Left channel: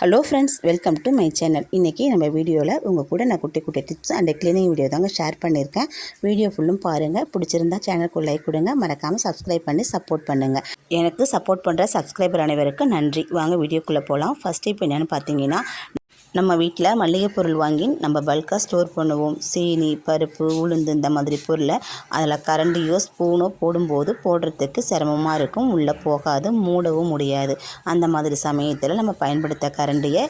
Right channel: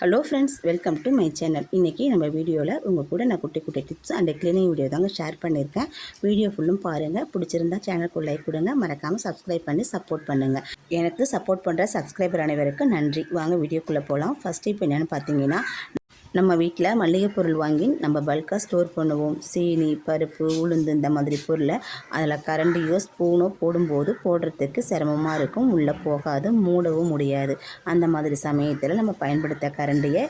Hello friends, welcome to my channel. இன்றைக்கி நம்ம வீடியோவில் உங்கள் கூட நான் குட்டி குட்டி டிப்ஸ் அண்ட் க்ளீனிங் வீடியோ தாங்க ஷேர் பண்ணியிருக்கேன். வீடியோ ஃபுல்லும் பாருங்கள். பிடிச்சிருந்தா சேனலுக்கு லைக் கொடுங்க, மறக்காமல் சப்ஸ்கிரைப் பண்ணி சப்போர்ட் பண்ணுங்கள். எனக்கு சப்போர்ட் பண்ணுற சப்ஸ்கிரைபர் அனைவருக்கும் நன்றி. வாங்க வீடியோக்குள்ளே போகலாம். ஃபஸ்ட்டு இப்போ என்னென்னு பார்த்தீங்கன்னா, நம்ம வீட்டில் மளிகை பொருள் வாங்கி நம்ம பல்காக ஸ்டோர் பண்ணுவோம். சீனி, பருப்பு, உளுந்து இந்த மாதிரி பொருளை அதில் கரண்டியோ ஸ்பூனோ போடும்போது போடுறதுக்கு சிரமமாக இருக்கும். உள்ளே போகாது, மூடவும் முடியாது. அந்த மாதிரி சமயத்தில் நம்ம பயன்படுத்த கரண்டியை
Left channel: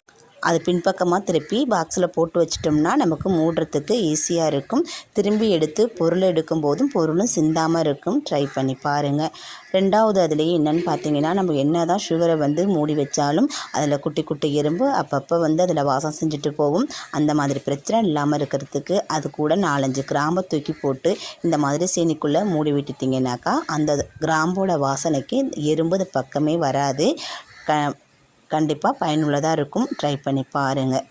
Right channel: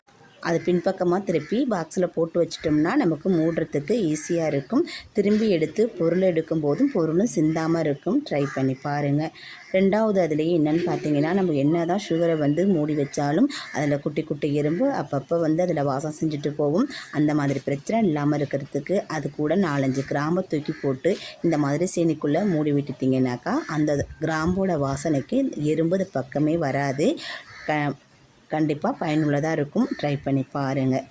அது பின்பக்கமாக திருப்பி பாக்ஸில் போட்டு வச்சிட்டோம்னா நமக்கு மூடுறதுக்கு ஈஸியாக இருக்கும். திரும்பி எடுத்து பொருள் எடுக்கும் போதும் பொருளும் சிந்தாமல் இருக்கும். ட்ரை பண்ணி பாருங்கள். ரெண்டாவது அதுலேயே என்னென்னு பார்த்தீங்கன்னா, நம்ம என்ன தான் சுகரை மூடி வச்சாலும் அதில் குட்டி குட்டி எறும்பு அப்பப்போ அதில் வாசம் செஞ்சுட்டு போகும். அந்த மாதிரி பிரச்சனை இல்லாமல் இருக்கிறதுக்கு அது கூட 4-5 கிராம்பை தூக்கி போட்டு இந்த மாதிரி சீனிக்குள்ளே மூடி விட்டுட்டிங்கனாக்கா அந்த கிராம்போட வாசனைக்கு எறும்பு அது பக்கமே வராது. கண்டிப்பாக பயனுள்ளதாக இருக்கும். ட்ரை பண்ணி பாருங்கள்.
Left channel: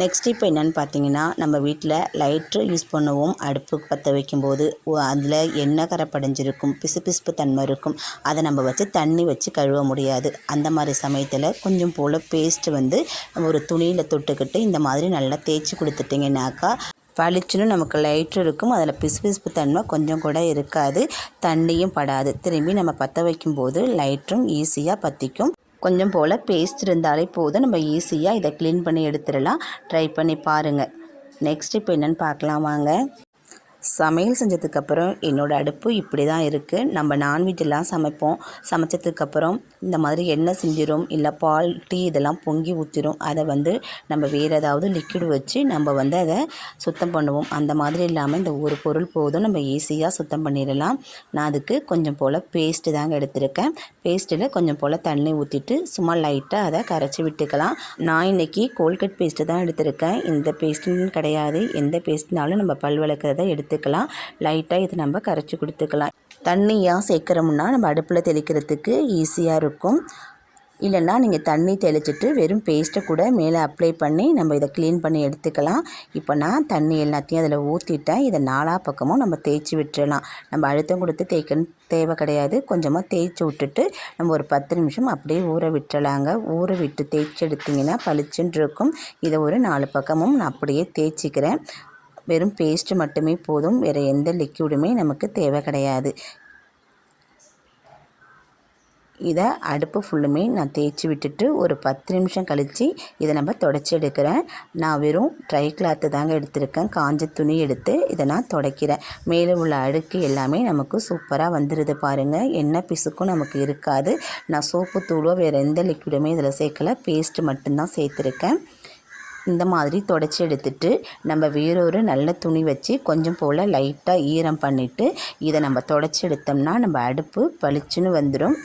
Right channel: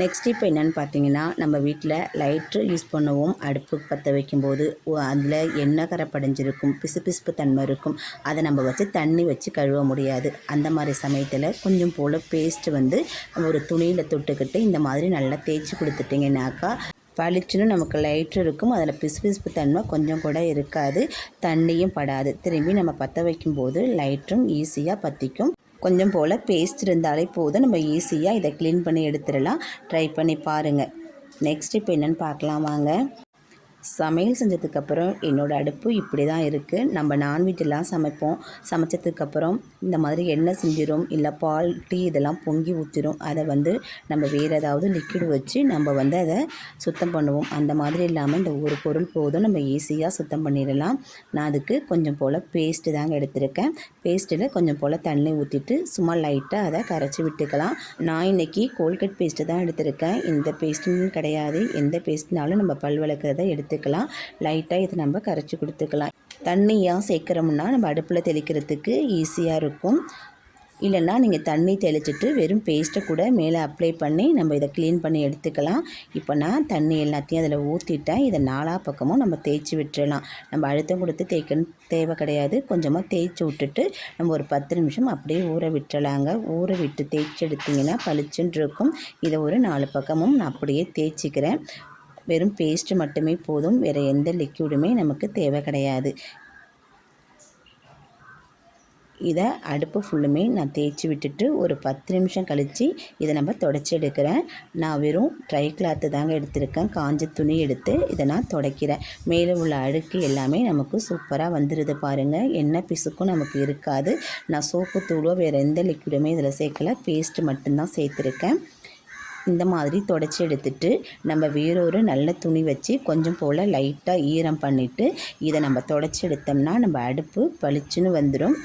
நெக்ஸ்ட் இப்போ என்னென்னு பார்த்தீங்கன்னா, நம்ம வீட்டில் லைட்ரு யூஸ் பண்ணுவோம். அடுப்பு பற்ற வைக்கும்போது அதில் எண்ணெய் கரை படிஞ்சிருக்கும், பிசுபிசுப்பு தன்மை இருக்கும். அதை நம்ம வச்சு தண்ணி வச்சு கழுவ முடியாது. அந்த மாதிரி சமயத்தில் கொஞ்சம் போல் பேஸ்ட்டு ஒரு துணியில் தொட்டுக்கிட்டு இந்த மாதிரி நல்லா தேய்ச்சி கொடுத்துட்டிங்கனாக்கா பளிச்சுன்னு நமக்கு லைட்ரு இருக்கும். அதில் பிசுபிசுப்பு தன்மை கொஞ்சம் கூட இருக்காது, தண்ணியும் படாது. திரும்பி நம்ம பற்ற வைக்கும்போது லைட்ரும் ஈஸியாக பற்றிக்கும். கொஞ்சம் போல் பேஸ்ட் இருந்தாலே போதும், நம்ம ஈஸியாக இதை க்ளீன் பண்ணி எடுத்துடலாம். ட்ரை பண்ணி பாருங்கள். நெக்ஸ்ட் இப்போ என்னென்னு பார்க்கலாம் வாங்க. சமையல் செஞ்சதுக்கப்புறம் என்னோடய அடுப்பு இப்படி தான் இருக்குது. நம்ம நான்வெஜ்ஜெல்லாம் சமைப்போம். சமைச்சதுக்கப்புறம் இந்த மாதிரி எண்ணெய் செஞ்சிடும், இல்லை பால், டீ இதெல்லாம் பொங்கி ஊற்றிடும். அதை நம்ம வேறு ஏதாவது லிக்விட் வச்சு நம்ம அதை சுத்தம் பண்ணுவோம். அந்த மாதிரி இல்லாமல் இந்த ஒரு பொருள் போதும், நம்ம ஈஸியாக சுத்தம் பண்ணிடலாம். நான் அதுக்கு கொஞ்சம் போல் பேஸ்ட்டு தாங்க எடுத்திருக்கேன். பேஸ்ட்டில் கொஞ்சம் போல் தண்ணி ஊற்றிட்டு சும்மா லைட்டாக அதை கரைச்சி விட்டுக்கலாம். நான் இன்றைக்கி கோல்கேட் பேஸ்ட்டு தான் எடுத்திருக்கேன். இந்த பேஸ்ட்டுன்னு கிடையாது, எந்த பேஸ்ட்னாலும் நம்ம பல் விளக்கிறத எடுத்துக்கலாம். லைட்டாக இது நம்ம கரைச்சி கொடுத்துக்கலாம். தண்ணியாக சேர்க்குறோம்னா நம்ம அடுப்பில் தெளிக்கிறதுக்கு ஈஸியாக இருக்கும். இல்லைன்னா நீங்கள் தண்ணி தெளிச்சிட்டு வெறும் பேஸ்ட்டை கூட மேலே அப்ளை பண்ணி நம்ம இதை க்ளீன் பண்ணி எடுத்துக்கலாம். இப்போ நான் தண்ணி எல்லாத்தையும் அதில் ஊற்றிட்டேன். இதை 4 பக்கமும் நம்ம தேய்ச்சி விட்டுறலாம். நம்ம அழுத்தம் கொடுத்து தேய்க்கணும் தேவை கிடையாது. கொஞ்சமாக தேய்ச்சி விட்டுட்டு நம்ம ஒரு 10 நிமிஷம் அப்படியே ஊற விட்டுறலாங்க. ஊற விட்டு தேய்ச்சி எடுத்திங்கன்னா பளிச்சுன்னு இருக்கும். இதை ஒரு 4 பக்கமும் நான் அப்படியே தேய்ச்சிக்கிறேன். வெறும் பேஸ்ட்டு மட்டுமே போதும், வேறு எந்த லிக்விடுமே நமக்கு தேவை கிடையாது. இதை அடுப்பு ஃபுல்லுமே நான் தேய்ச்சி விட்டுட்டு ஒரு 10 நிமிஷம் கழித்து இதை நம்ம தொடச்சி எடுக்கிறேன். நான் வெறும் ட்ரை கிளாத்து தாங்க எடுத்திருக்கேன். காஞ்ச துணி எடுத்து இதை நான் துடைக்கிறேன். மேலே உள்ள அழுக்கு எல்லாமே நமக்கு சூப்பராக வந்துடுது பாருங்கள். எண்ணெய் பிசுக்கும் நமக்கு இருக்காது. நான் சோப்பு தூளோ வேறு எந்த லிக்விடுமே இதில் சேர்க்கலை, பேஸ்ட்டு மட்டும்தான் சேர்த்துருக்கேன். இந்த மாதிரி தொடச்சி எடுத்துட்டு நம்ம வேறொரு நல்ல துணி வச்சு கொஞ்சம் போல் லைட்டாக ஈரம் பண்ணிவிட்டு இதை நம்ம தொடச்சி எடுத்தோம்னா நம்ம அடுப்பு பளிச்சுன்னு வந்துடும்.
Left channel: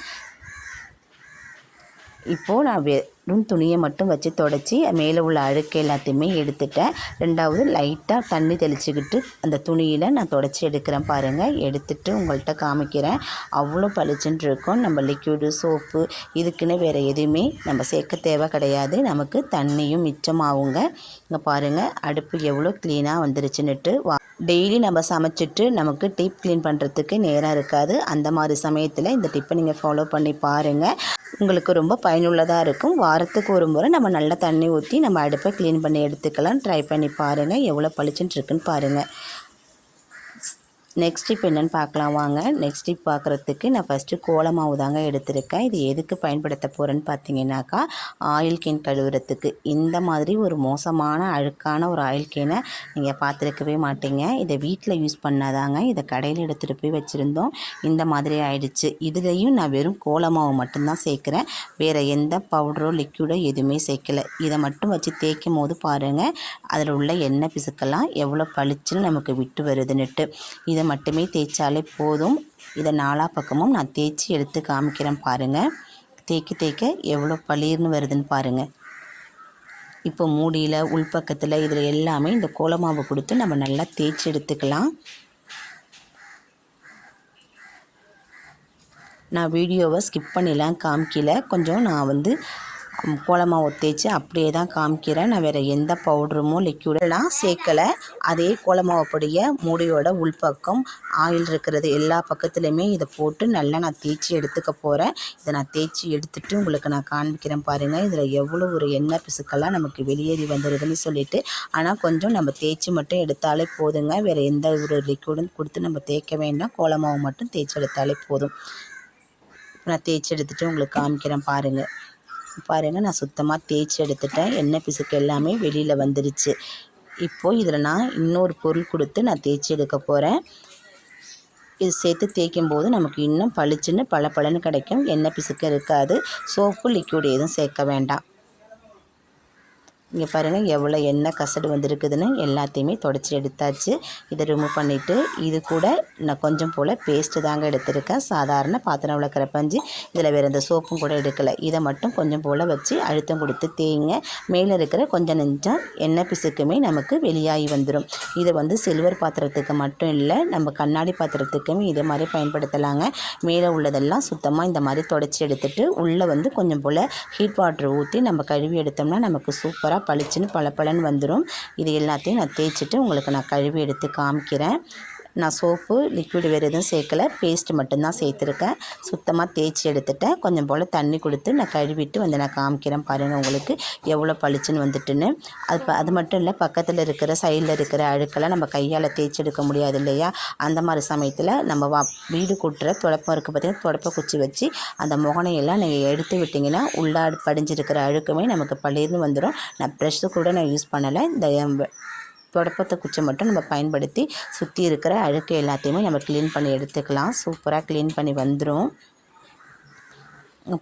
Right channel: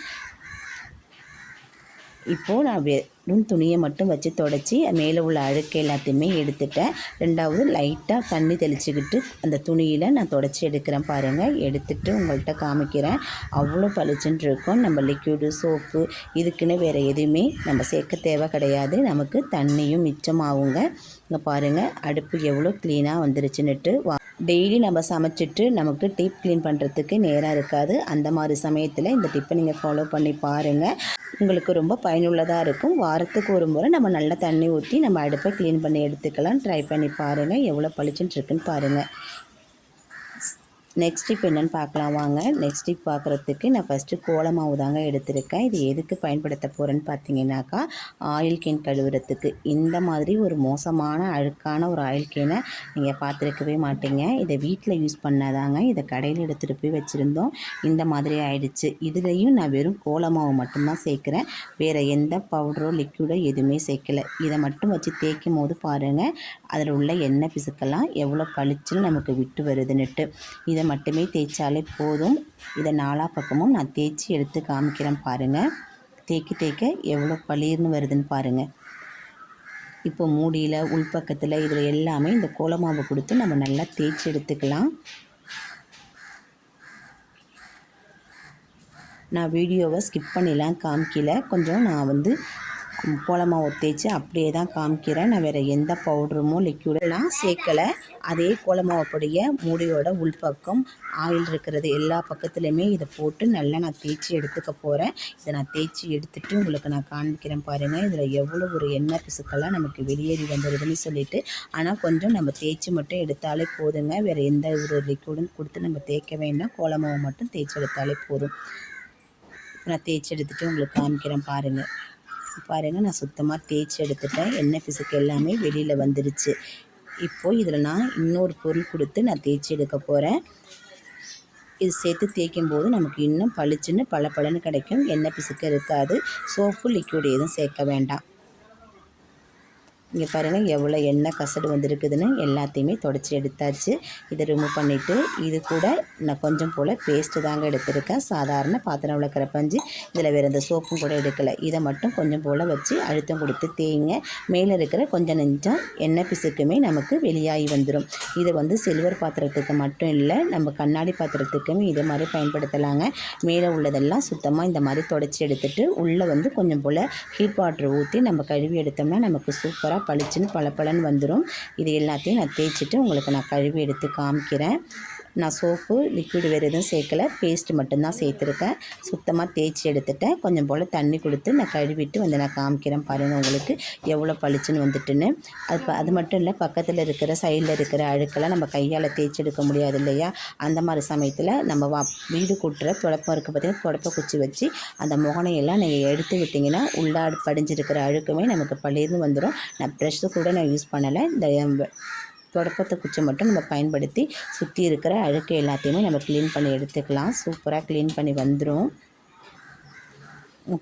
இப்போது நான் வெறும் துணியை மட்டும் வச்சு தொடச்சி மேலே உள்ள அழுக்கு எல்லாத்தையுமே எடுத்துட்டேன். ரெண்டாவது லைட்டாக தண்ணி தெளிச்சுக்கிட்டு அந்த துணியில் நான் தொடச்சி எடுக்கிறேன் பாருங்கள். எடுத்துகிட்டு உங்கள்கிட்ட காமிக்கிறேன். அவ்வளோ பளிச்சுன்னு இருக்கும். நம்ம லிக்விடு, சோப்பு இதுக்குன்னு வேறு எதுவுமே நம்ம சேர்க்க தேவை கிடையாது. நமக்கு தண்ணியும் மிச்சமாகுங்க. இங்கே பாருங்கள் அடுப்பு எவ்வளோ க்ளீனாக வந்துருச்சுன்னுட்டு. டெய்லி நம்ம சமைச்சிட்டு நமக்கு டீப் க்ளீன் பண்ணுறதுக்கு நேரம் இருக்காது. அந்த மாதிரி சமயத்தில் இந்த டிப்பை நீங்கள் ஃபாலோ பண்ணி பாருங்கள். உங்களுக்கு ரொம்ப பயனுள்ளதாக இருக்கும். வாரத்துக்கு ஒரு முறை நம்ம நல்லா தண்ணி ஊற்றி நம்ம அடுப்பை க்ளீன் பண்ணி எடுத்துக்கலாம். ட்ரை பண்ணி பாருங்கள். எவ்வளோ பளிச்சுன்னு இருக்குன்னு பாருங்கள். நெக்ஸ்ட் இப்போ என்னென்னு பார்க்கலாம் வாங்க. நெக்ஸ்ட் டிப் பார்க்குறதுக்கு நான் ஃபஸ்ட்டு கோலமாவு தாங்க எடுத்திருக்கேன். இது எதுக்கு பயன்படுத்த போகிறேன்னு பார்த்தீங்கன்னாக்கா, ஆயில் கேன் கழுவுறதுக்கு. இந்த மாதிரி ஒரு மோசமான அழுக்கான ஒரு ஆயில் கேனை நீங்கள் பார்த்துருக்கவே மாட்டீங்க. இதை வீட்டில் யூஸ் பண்ணாதாங்க. இதை கடையில் எடுத்துகிட்டு போய் வச்சுருந்தோம், இந்த மாதிரி ஆயிடுச்சு. இதுலேயும் நான் வெறும் கோலமாவு மட்டும்தான் சேர்க்குறேன். வேறு எந்த பவுடரோ லிக்விடோ எதுவுமே சேர்க்கலை. இதை மட்டும் வச்சு தேய்க்கும் போது பாருங்கள் அதில் உள்ள எண்ணெய் பிசுக்கெல்லாம் எவ்வளோ பளிச்சுன்னு நமக்கு விட்டு வருதுன்னுட்டு. இதை மட்டுமே தேய்ச்சாலே போதும். இதை 4 பக்கமும் நான் தேய்ச்சி எடுத்து காமிக்கிறேன் பாருங்கள். தேய்க்க எவ்வளோ பளீர்னு வருதுன்னு பாருங்கள். இப்போ மூடியில், உள்பக்கத்தில் இதில் எல்லாமே இந்த கோலமாவு கொடுத்து நம்ம நல்லா தேய்ச்சி எடுத்துக்கலாம். நான் வீடியோவை ஸ்கிப் பண்ணிலாம் காமிக்கல. கொஞ்சம் நான் கோலமாவு தேய்ச்சி அப்படியே தான் காமிக்கிறேன். நான் வேறு எந்த பவுடருமோ லிக்யூடெல்லாம் சேர்க்கலை. அதே கோலமாவு பொடியை மூடியோட உள்பக்கம் ஆயில் இருக்கிறது எல்லா பக்கத்துலேயுமே இதை போட்டு நல்லா நான் தேய்ச்சி எடுத்துக்க போகிறேன். இதை நான் தேய்ச்சி எடுத்துகிட்டு உங்களுக்கு நான் காண்பிக்கிறேன் பாருங்கள். இதில் எவ்வளோ ஒரு எண்ணெய் பிசுக்கெல்லாம் நமக்கு வெளியேறி வந்துடுதுன்னு சொல்லிட்டு. ஆனால் கொஞ்சம் நம்ம தேய்ச்சி மட்டும் எடுத்தாலே போதுங்க. வேறு எந்த ஒரு லிக்யூடும் கொடுத்து நம்ம தேய்க்க வேண்டாம். கோலமாவு மட்டும் தேய்ச்சி எடுத்தாலே போதும். நான் தேய்ச்சி எடுத்துகிட்டு உங்களுக்கு காமிக்கிறேன் பாருங்கள். நான் சுத்தமாக தேய்ச்சி எடுத்துட்டேன். எண்ணெய் பிசுக்கு எல்லாமே வெளியில் வந்துடுச்சு. இப்போது இதில் நான் இன்னொரு பொருள் கொடுத்து நான் தேய்ச்சி எடுக்க போகிறேன். இது சேர்த்து தேய்க்கும் போது நமக்கு இன்னும் பளிச்சுன்னு பளபளன்னு கிடைக்கும். எண்ணெய் பிசுக்கு இருக்காது. சோப்பு லிக்யூட் எதுவும் சேர்க்க வேண்டாம். இங்கே பாருங்கள் எவ்வளோ எண்ணெய் கசடு வந்துருக்குதுன்னு எல்லாத்தையுமே தொடச்சி எடுத்தாச்சு. இதை ரிமூவ் பண்ணிவிட்டு இது கூட நான் கொஞ்சம் போல் பேஸ்ட்டு தாங்க எடுத்திருக்கேன். சாதாரண பாத்திரம் விளக்குற பஞ்சு. இதில் வேறு எந்த சோப்பும் கூட எடுக்கலை. இதை மட்டும் கொஞ்சம் போல் வச்சு அழுத்தம் கொடுத்து தேய்ங்க. மேலே இருக்கிற கொஞ்சம் நெஞ்சம் எண்ணெய் பிசுக்குமே நமக்கு வெளியாகி வந்துடும். இதை சில்வர் பாத்திரத்துக்கு மட்டும் இல்லை, நம்ம கண்ணாடி பாத்திரத்துக்குமே இதே மாதிரி பயன்படுத்தலாங்க. மேலே உள்ளதெல்லாம் சுத்தமாக இந்த மாதிரி தொடச்சி எடுத்துகிட்டு உள்ளே கொஞ்சம் போல் ஹீட் வாட்டர் ஊற்றி நம்ம கழுவி எடுத்தோம்னா நமக்கு சூப்பராக பளிச்சுன்னு பளபளன்னு வந்துடும். இது எல்லாத்தையும் நான் தேய்ச்சிட்டு உங்களுக்கு நான் கழுவி எடுத்து காமிக்கிறேன். நான் சோப்பு லிக்விட் வேறு எதுவும் சேர்க்கலை, பேஸ்ட்டு மட்டும்தான் சேர்த்துருக்கேன். சுத்தமாக தேய்ச்சி எடுத்துட்டேன். கொஞ்சம் போல் தண்ணி கொடுத்து நான் கழுவிட்டு நான் காமிக்கிறேன் பாருங்கள் உங்களுக்கு எவ்வளோ பளிச்சுன்னு வந்துட்டுன்னு. அது மட்டும் இல்லை, பக்கத்தில் இருக்கிற சைடில் இருக்கிற அழுக்கெல்லாம் நம்ம கையால் தேய்ச்சி எடுக்க முடியாது இல்லையா? அந்த மாதிரி சமயத்தில் நம்ம வீடு கூட்டுற துடைப்பம் இருக்குது பார்த்திங்கன்னா, துடைப்ப குச்சி வச்சு அந்த முகனையெல்லாம் நீங்கள் எடுத்து விட்டிங்கன்னா உள்ளே படிஞ்சிருக்கிற அழுக்குமே நமக்கு பளிர்னு வந்துடும். நான் ப்ரெஷ்ஷு கூட நான் யூஸ் பண்ணலை. இந்த துடைப்பத்தை குச்சி மட்டும் நம்ம பயன்படுத்தி சுற்றி இருக்கிற அழுக்கு எல்லாத்தையுமே நம்ம க்ளீன் பண்ணி எடுத்துக்கலாம். சூப்பராக க்ளீன் பண்ணி வந்துடும்.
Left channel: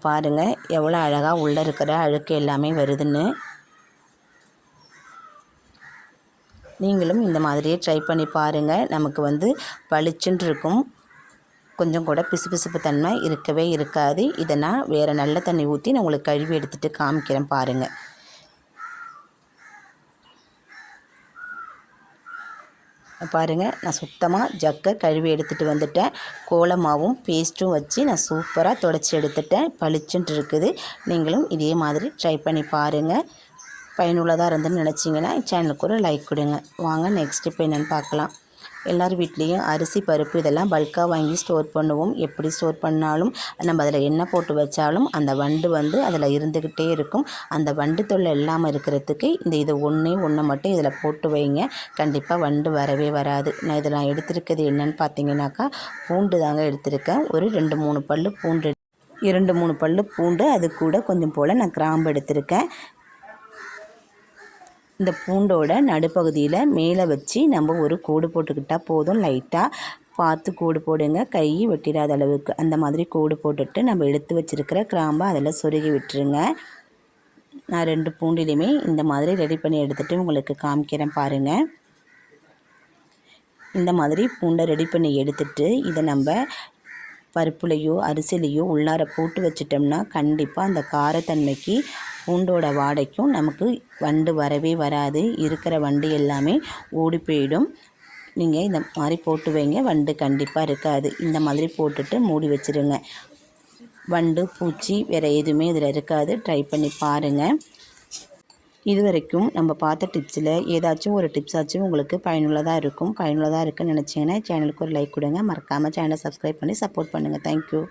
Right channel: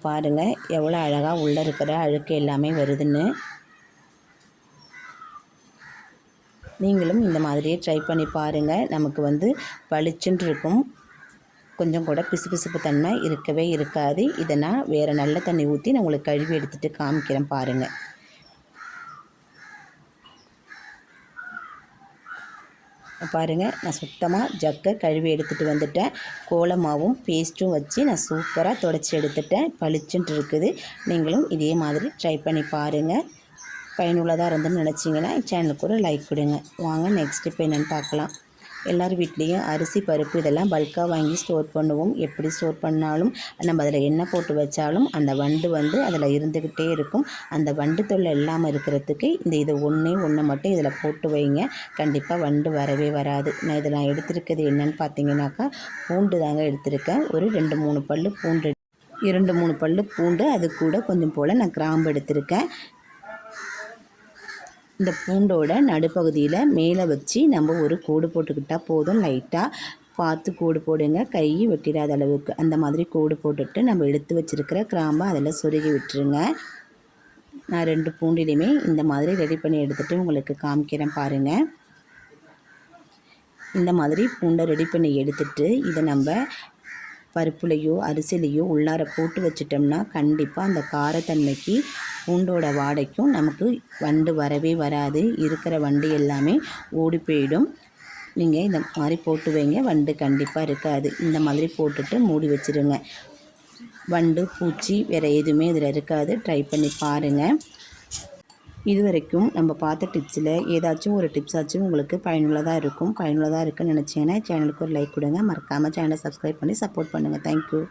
பாருங்கள் எவ்வளோ அழகாக உள்ளே இருக்கிற அழுக்கு எல்லாமே வருதுன்னு. நீங்களும் இந்த மாதிரியே ட்ரை பண்ணி பாருங்கள். நமக்கு பளிச்சுன்னு இருக்கும். கொஞ்சம் கூட பிசுபிசுப்பு தன்மை இருக்கவே இருக்காது. இதை நான் வேறு நல்ல தண்ணி ஊற்றி நான் உங்களுக்கு கழுவி எடுத்துகிட்டு காமிக்கிறேன் பாருங்கள். பாருங்கள், நான் சுத்தமாக ஜக்கை கழுவி எடுத்துகிட்டு வந்துட்டேன். கோலமாவும் பேஸ்ட்டும் வச்சு நான் சூப்பராக தொடச்சி எடுத்துட்டேன். பளிச்சுன்ட்டு இருக்குது. நீங்களும் இதே மாதிரி ட்ரை பண்ணி பாருங்கள். பயனுள்ளதாக இருந்துன்னு நினச்சிங்கன்னா சேனலுக்கு ஒரு லைக் கொடுங்க. வாங்க நெக்ஸ்ட் இப்போ என்னென்னு பார்க்கலாம். எல்லார் வீட்லேயும் அரிசி பருப்பு இதெல்லாம் பல்காக வாங்கி ஸ்டோர் பண்ணுவோம். எப்படி ஸ்டோர் பண்ணாலும் நம்ம அதில் எண்ணெய் போட்டு வச்சாலும் அந்த வண்டு அதில் இருந்துக்கிட்டே இருக்கும். அந்த வண்டு தொல்லை இல்லாமல் இருக்கிறதுக்கு இது ஒன்று மட்டும் இதில் போட்டு வைங்க. கண்டிப்பாக வண்டு வரவே வராது. நான் இதில் எடுத்திருக்கிறது என்னென்னு பார்த்தீங்கன்னாக்கா பூண்டு தாங்க எடுத்திருக்கேன். ஒரு 2-3 பல் பூண்டு, 2-3 பல் பூண்டு, அது கூட கொஞ்சம் போல் நான் கிராம்பு எடுத்திருக்கேன். இந்த பூண்டோட நடுப்பகுதியில் மேலே வச்சு நம்ம ஒரு கோடு போட்டுக்கிட்டால் போதும். லைட்டாக பார்த்து கோடு போடுங்க, கை வெட்டிடாத அளவுக்கு. அந்த மாதிரி கோடு போட்டுட்டு நம்ம எடுத்து வச்சுருக்கிற கிராம்பை அதில் சொருகி விட்டுருங்க. நான் 2 பூண்டிலையுமே இந்த மாதிரி ரெடி பண்ணி எடுத்துகிட்டு உங்களுக்கு காமிக்கிறேன் பாருங்கள். இந்த மாதிரி பூண்டை ரெடி பண்ணி எடுத்துகிட்டு இதை நம்ம பருப்புலையோ அரிசிலையோ உள்ளார போட்டு வச்சிட்டோம்னா கண்டிப்பாக அந்த காரத்தன்மைக்கு பூண்டோட வாடைக்கும் நமக்கு வண்டு வரவே வராது. இருக்கிற வண்டு எல்லாமே ஓடி போயிடும். நீங்கள் இந்த மாதிரி போட்டு வைங்க, வண்டு கண்டிப்பாக இருக்காது. இந்த மாதிரி போட்டுட்டு மூடி வச்சுருங்க. வண்டு பூச்சி வேறு எதுவுமே இதில் இருக்காது. ட்ரை பண்ணி பாருங்கள். இது வரைக்கும் நம்ம பார்த்த டிப்ஸில் ஏதாச்சும் ஒரு டிப்ஸாச்சும் உங்களுக்கு பயனுள்ளதாக இருக்குன்னு நினச்சிங்கன்னா சேனலுக்கு ஒரு லைக் கொடுங்க. மறக்காமல் சேனலை சப்ஸ்கிரைப் பண்ணி சப்போர்ட் பண்ணுங்கள். தேங்க்யூ.